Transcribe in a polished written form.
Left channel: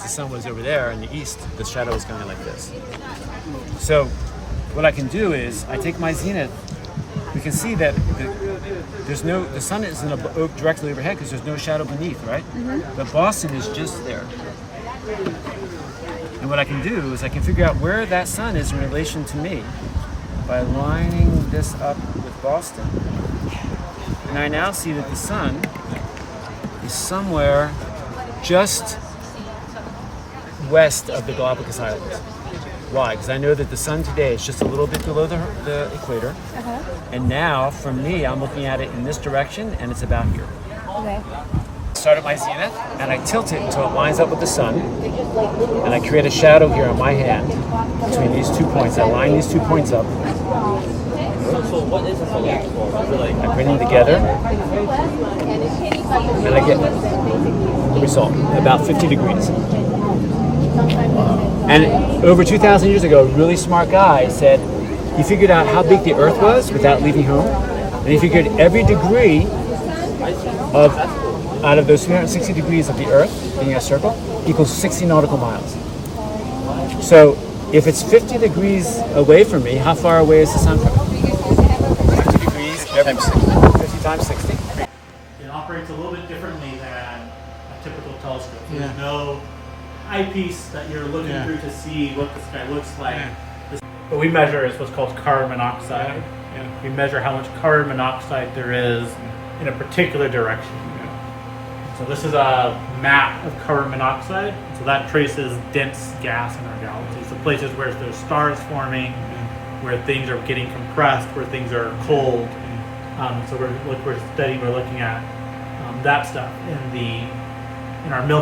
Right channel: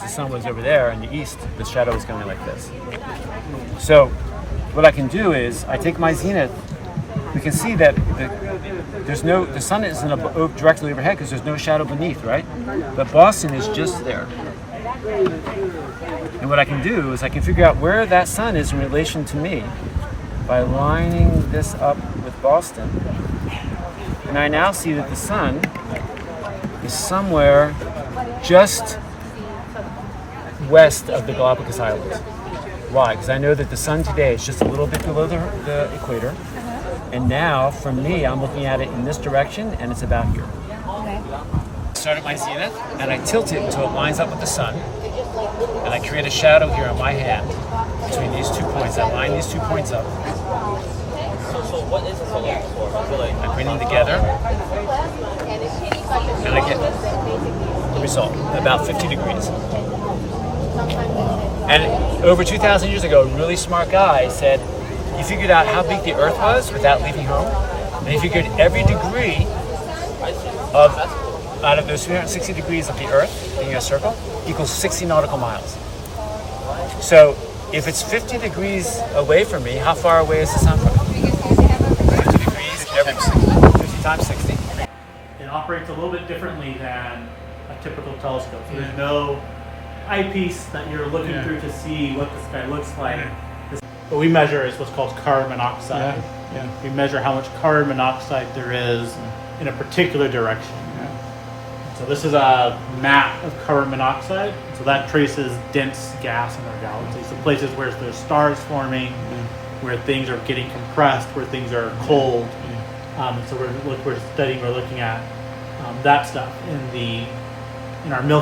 because the sun was over there in the east, the shadow was going like this. So what I can do is I take my zenith. We can see that the sun isn't directly overhead because there's no shadow beneath, right? Mm-hmm. But Boston is just there. And what I can do is I can figure out where that sun is in relation to me by lining this up with Boston. And I now see that the sun is somewhere just west of the Galapagos Islands. Why? Because I know that the sun today is just a little bit below the equator. And now, from me, I'm looking at it in this direction, and it's about here. Okay. Start at my zenith, and I tilt it until it lines up with the sun. And I create a shadow here on my hand between these 2 points. I line these 2 points up. I bring them together, and I get the result, about 50 degrees. And over 2,000 years ago, a really smart guy said, he figured out how big the Earth was without leaving home, and he figured every degree out of those 360 degrees of the Earth, being a circle, equals 60 nautical miles. So if it's 50 degrees away from me, how far away is the sun from me? 50 degrees, 50 times 60. It operates a little bit differently than a typical telescope. There's no eyepiece that you're looking through to see what the sky looks like. What we measure is what's called carbon monoxide. We measure how much carbon monoxide there is in a particular direction. So this is a map of carbon monoxide. So that traces dense gas in our galaxy. So places where there's stars forming, where things are getting compressed, where things are cold. So we're looking at that stuff in our Milky